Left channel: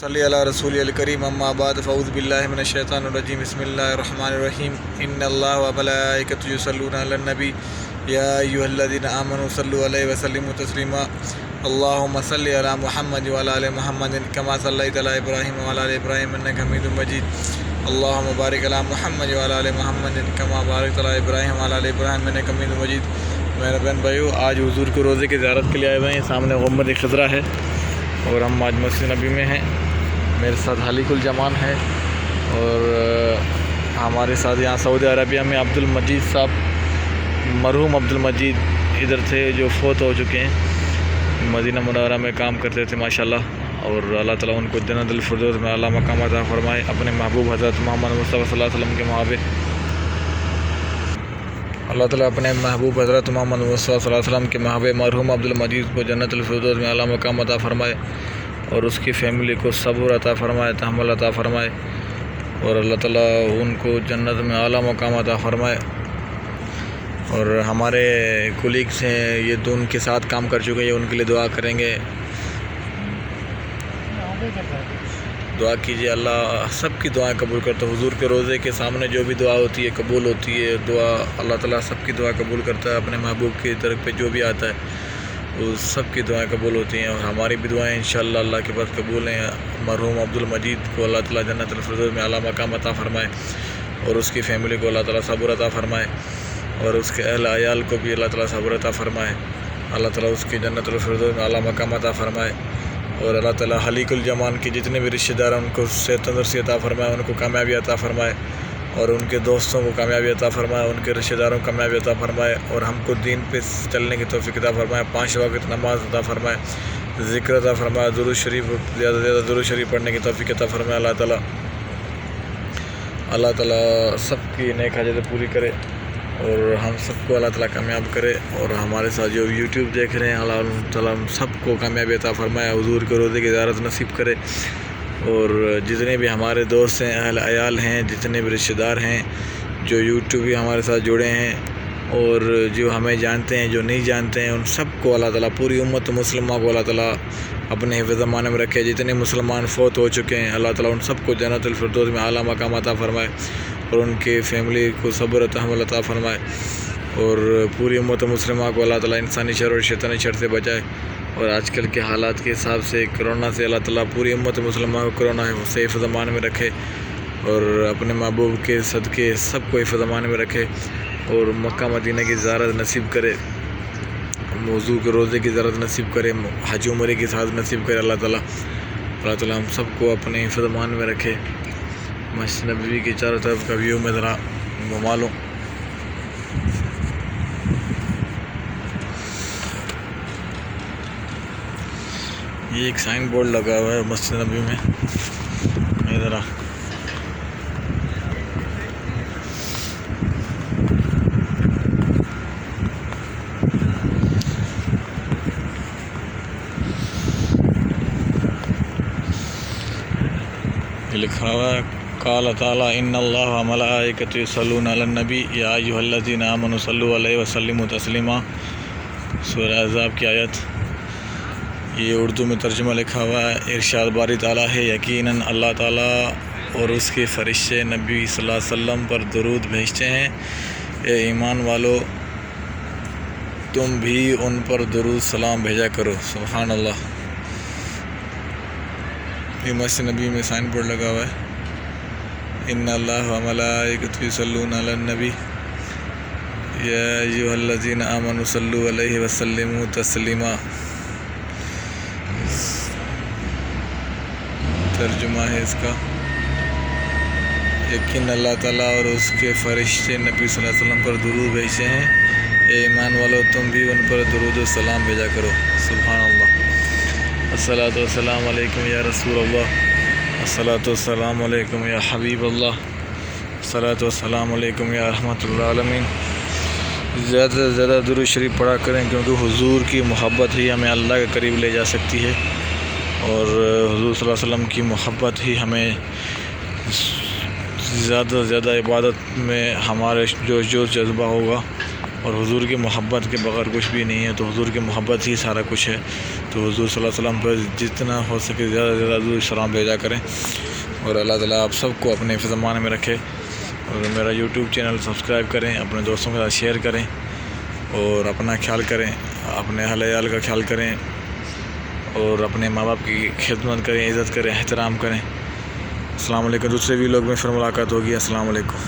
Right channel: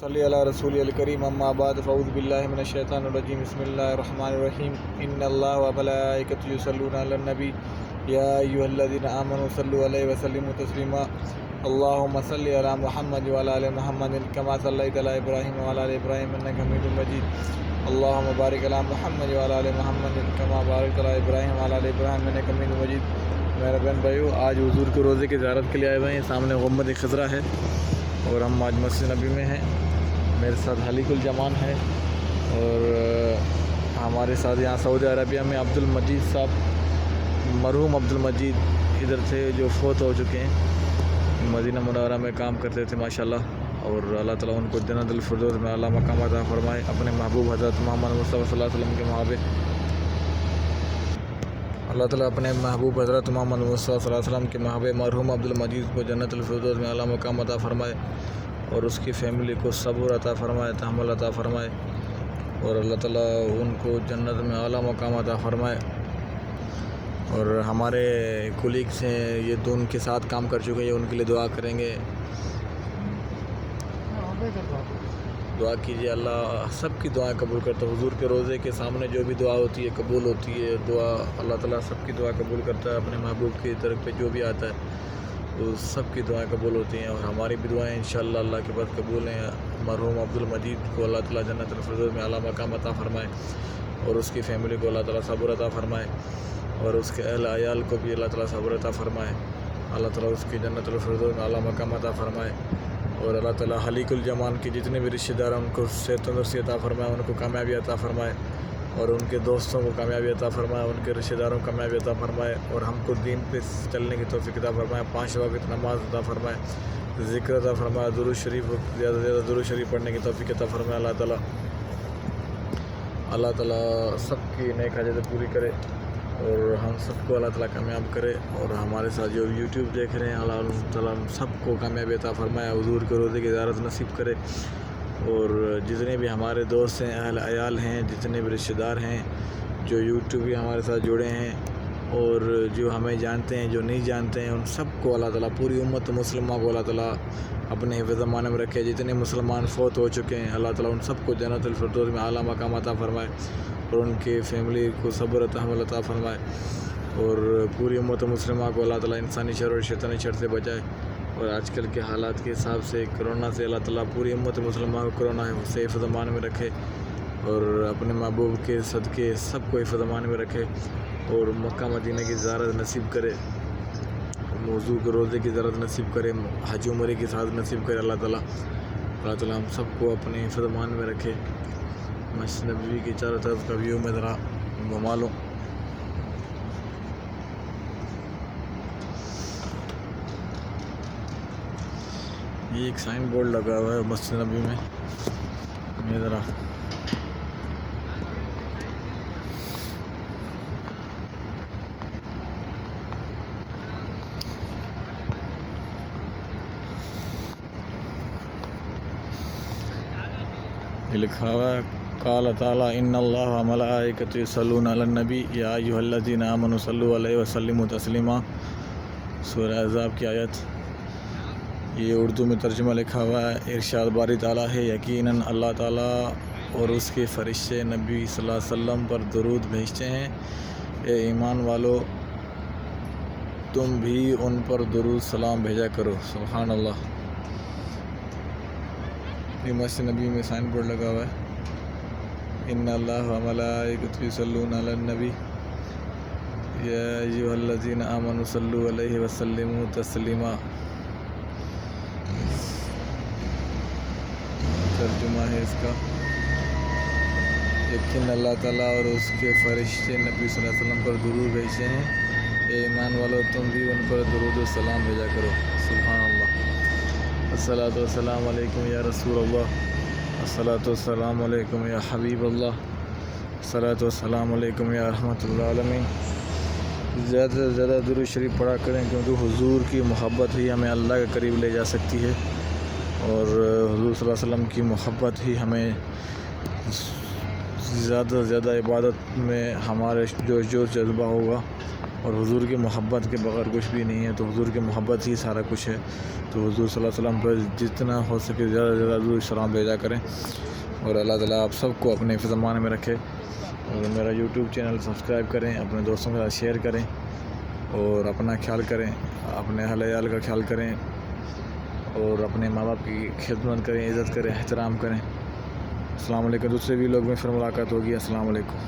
صلی اللہ رسول الکریم اما بعد فاعوذ باللہ من الشیطان الرجیم بسم اللہ الرحمن الرحیم ان اللہ وملائکتہ یصلون علی النبی یا ایھا الذین آمنوا صلوا علیہ وسلموا تسلیما اللہم صلی علی محمد وعلی آل محمد کما صلیت علی ابراہیم وعلی آل ابراہیم انک حمید مجید اللہم بارک علی محمد وعلی آل محمد کما بارکت علی ابراہیم وعلی آل ابراہیم انک حمید مجید۔ میرے بہن بھائیو، آج حضور کے روزے کی زیارت کے لیے آئے ہوئے ہیں۔ سامنے غمت خضرا ہے اور ہم آج مسجد نبی میں ہیں۔ میرے ساتھ حلیق الجمان ہے اور ہمارے ساتھ یہاں سعودی عربیہ میں عبد المجید صاحب، مرحوم عبد المجید ادھر تھے جو فوت ہو چکے ہیں، مدینہ منورہ میں کام کرتے تھے ماشاءاللہ، اور اللہ تعالیٰ ان کو جنت الفردوس میں اعلیٰ مقام عطا فرمائے۔ اپنے محبوب حضرت محمد مصطفیٰ صلی اللہ علیہ وسلم کے محابے اللہ تعالیٰ اپنے محبوب حضرت محمد مصطفیٰ صلی اللہ علیہ وسلم کے محابے مرحوم عبد المجید کو جنت الفردوس میں اعلیٰ مقام عطا فرمائے، اور اس کی فیملی کو صبر عطا فرمائے، تحمل عطا فرمائے، اور اللہ تعالیٰ ان کو جنت میں اعلیٰ مقام عطا فرمائے۔ اور ہمارے کولیگس ہیں، یہ تو ان کے ساتھ کام کر چکے ہیں، ان کے لیے دعا کریں گے۔ دعا کیجیے، اللہ سب کی دعائیں قبول کرتا ہے۔ حضور کے روزے کے سامنے جو بھی دعا ہوتی ہے قبول ہوتی ہے۔ دعا اللہ تعالیٰ سب کی دعا قبول کرتا ہے، اپنے محبوب کی طرف پہ جو بھی آتا ہے وہ سب کی دعائیں قبول ہوتی ہیں، اور ہماری بھی دعائیں انشاءاللہ اللہ کے پاس قبول ہیں۔ مرحوم عبد المجید کو اللہ تعالیٰ جنت الفردوس میں اعلیٰ مقام عطا فرمائے، اور اس کی فیملی کو اللہ تعالیٰ صبر عطا فرمائے، اور اس کے اہل عیال کو بھی اللہ تعالیٰ صبر عطا فرمائے۔ اللہ تعالیٰ اس کی جنت الفردوس میں اعلیٰ مقام عطا فرمائے، اور اللہ تعالیٰ حلیق الجمان کے جتنے بھی رشتہ دار ہیں ان کو صحت تندرستی عطا فرمائے، ان کو کامیابی عطا فرمائے، اور ان کے دوستوں کو کامیابی عطا فرمائے، ان کے رشتہ داروں کو کامیابی عطا فرمائے، اور ہم کو دین پہ چلنے کی توفیق عطا فرمائے، 5 وقت نماز عطا فرمائے، ذکر عطا فرمائے، درود شریف زیادہ سے زیادہ درود شریف پڑھنے کی توفیق عطا فرمائے۔ اللہ تعالیٰ سب کی نیک حاجتیں پوری کرے، اور ہم سب کو اللہ تعالیٰ کامیاب کرے، اور ہمارے ساتھ جو یوٹیوب دیکھ رہے ہیں اللہ تعالیٰ سب کو کامیابی عطا فرمائے، حضور کے روزے کی زیارت نصیب کرے، اور جتنے بھی ہمارے دوست ہیں، اہل عیال ہیں، جتنے بھی رشتہ دار ہیں جو یوٹیوب بھی ہمارے ساتھ جڑے ہیں، اور جو ہمیں جانتے ہیں، جو نہیں جانتے ہیں، ان سب کو اللہ تعالیٰ، پوری امت مسلمہ کو اللہ تعالیٰ اپنے حفظ امان میں رکھے۔ جتنے مسلمان فوت ہو چکے ہیں اللہ تعالیٰ ان سب کو جنت الفردوس میں اعلیٰ مقام عطا فرمائے، اور ان کی فیملی کو صبر و تحمل عطا فرمائے، اور پوری امت مسلمہ کو اللہ تعالیٰ انسانی شر اور شیطانی شر سے بچائے۔ اور آج کل کے حالات کے حساب سے کرونا سے اللہ تعالیٰ پوری امت مسلمہ کو کرونا سے حفظ امان میں رکھے، اور اپنے محبوب کے صدقے سب کو حفظ امان میں رکھے، اور مکہ مدینہ کی زیارت نصیب کرے، موضوع کے روزے کی زیارت نصیب کرے، حج عمرے کی ساتھ نصیب کرے۔ اللہ تعالیٰ ہم سب کو اپنے حفظ امان میں رکھے۔ مسجد نبوی کے چاروں طرف کا ویو میں ذرا گھما لوں۔ یہ ایک سائن بورڈ لگا ہوا ہے مسجد نبوی میں، ذرا لکھا ہوا ہے، قال تعالیٰ ان اللہ وملائکتہ یصلون علی النبی یا ایھا الذین آمنوا صلوا علیہ وسلموا تسلیما۔ سورہ احزاب کی آیت، یہ اردو میں ترجمہ لکھا ہوا ہے۔ ارشاد باری تعالیٰ ہے، یقیناً اللہ تعالیٰ اور اس کے فرشتے نبی صلی اللہ علیہ وسلم پر درود بھیجتے ہیں۔ اے ایمان والو، تم بھی ان پر درود سلام بھیجا کرو۔ سبحان اللہ۔ یہ مسجد نبی میں سائن بورڈ لگا ہوا ہے، ان اللہ وملائکتہ یصلون علی النبی یا ایھا الذین آمنوا صلوا علیہ وسلموا تسلیما۔ ترجمہ ہے اس کا، یقین اللہ تعالیٰ اور اس کے فرشتے نبی صلی اللہ علیہ وسلم پر درود بھیجتے ہیں۔ اے ایمان والو، تم بھی ان پر درود و سلام بھیجا کرو۔ سبحان اللہ۔ الصلاۃ والسلام علیکم یا رسول اللہ، الصلاۃ والسلام علیکم یا حبیب اللہ، الصلاۃ والسلام علیکم یا رحمۃ العالمین۔ زیادہ سے زیادہ درود شریف پڑھا کریں، کیونکہ حضور کی محبت ہی ہمیں اللہ کے قریب لے جا سکتی ہے، اور حضور صلی اللہ علیہ وسلم کی محبت ہی ہمیں زیادہ سے زیادہ عبادت میں ہمارے جو جذبہ ہوگا، اور حضور کی محبت کے بغیر کچھ بھی نہیں ہے، تو حضور کی محبت ہی سارا کچھ ہے۔ تو حضور صلی اللہ علیہ وسلم پر جتنا ہو سکے زیادہ سے زیادہ درود سلام بھیجا کریں، اور اللہ تعالیٰ آپ سب کو اپنے حفظ امان میں رکھے، اور میرا یوٹیوب چینل سبسکرائب کریں، اپنے دوستوں کے ساتھ شیئر کریں، اور اپنا خیال کریں، اپنے اہل عیال کا خیال کریں، اور اپنے ماں باپ کی خدمت کریں، عزت کریں، احترام کریں۔ السلام علیکم، دوسرے ویلوگ میں پھر ملاقات ہوگی۔ السلام علیکم۔